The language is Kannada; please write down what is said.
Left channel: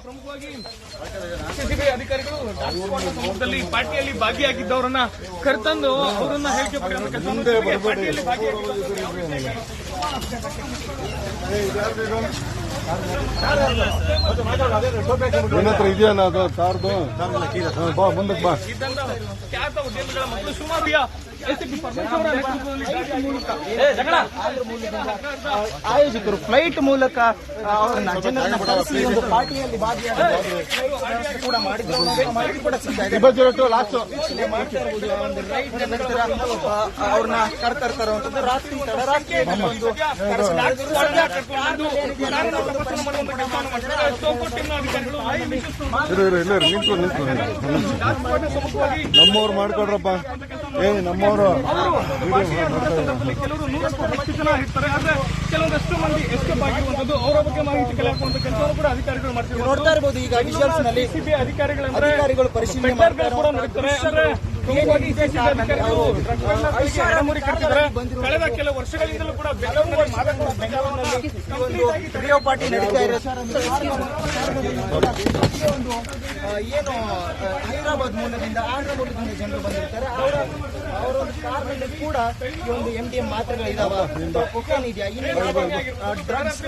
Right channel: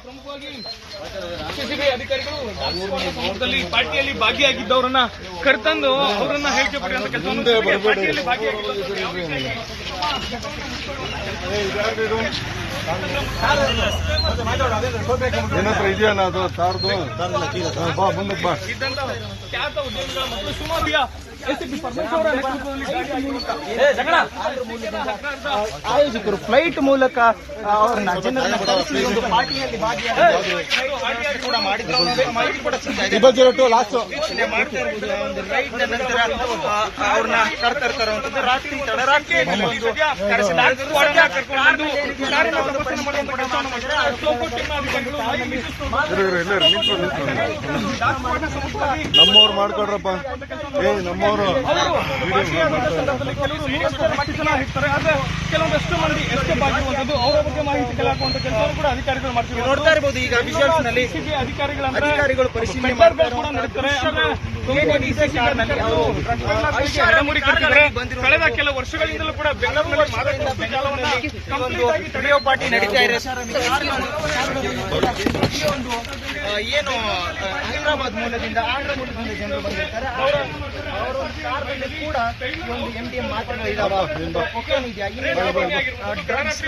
ಪ್ರಮುಖವಾಗಿ ಅಧಿಕಾರಿಗಳು ಪಾರ್ಟಿಯಲ್ಲಿ ಭಾಗಿಯಾಗಿದ್ದವರನ್ನ ಕರೆತಂದು ಅವರನ್ನ ಪಾರ್ಟಿಯಲ್ಲಿ ಇದೆಯಾ ನಾವು ಕಾರ್ದು ಮುಂದೆ ಬಾ ಖ್ಯಾತ ಉದ್ಯಮಿಗಳ ಮತ್ತು ಸುಮಾರು ಆಯೋಜಕರು ಫ್ಲೈಟ್ ಮೂಲಕ ಜನರನ್ನ ಕರೆಸಿ ಒಂದು ಪಾರ್ಟಿಯಲ್ಲಿ ಕೂಡ ಮಾಡಿದ್ರು ಲಾಸ್ಟ್ ಮಾಡ್ತಾ ಇರ್ಬೋದು. ಒಂದು ರೈಡ್ ನಂತರ ಅವ್ರನ್ನ ಕರ್ತರ್ತರುವಂತದ್ದು ರಾತ್ರಿ ತಡರಾತ್ರಿಯಲ್ಲಿ ಒಂದು ನಮ್ಮವ್ರು ಮಾಡ್ಕೊಡ್ರಪ್ಪ. ನಮ್ಮವರು ಕೆಲವೊಂದಷ್ಟು ಮಂದಿ ಎಸ್ಕೇಪ್ ಆಗಿರುವಂತದ್ದು ಅವರ ಬಗ್ಗೆ ಮಾಹಿತಿ ಕಲಾಕುವಂತ ಕೆಲಸವನ್ನು ಕೂಡ ಅಧಿಕಾರಿಗಳು ಮಾಡ್ತೀವಿ. ನೋಡ್ತಾ ಇರಬಹುದು ಈಗ ವಿಜುವಲ್ಸ್ ನಲ್ಲಿ ಅಧಿಕಾರಿಗಳು ಪರಿಶೀಲನೆ ಮಾಡ್ತಾ ಇರುವಂತಹ ದೃಶ್ಯಗಳು ಏನೇನಿದೆ ಕಾರಣದಲ್ಲಿ ಅವರು ಕಳೆದ ಕೆಲವು ವರ್ಷಗಳಿಂದಲೂ ಕೂಡ ಬೆಂಗಳೂರಿನಲ್ಲಿ ಈ ಒಂದು ರಿಯೋ ಪಾರ್ಟಿ ನಡೀತಾ ಇದೆ. ಒಂದು ಏನು ಹೈದರಾಬಾದ್ ಮೂಲದಿಂದ ಆಂಧ್ರಪ್ರದೇಶದಿಂದ ಜನರು ಬಂದಿರ್ತಾರೆ. ಅವರ ಕೂಡ ಈ ಒಂದು MDMA ಮಾತ್ರೆಗಳು ಇದಾವೆ, ಕೊಕೇನ್ ಇದೆಯಾ, ಡ್ರಗ್ಸ್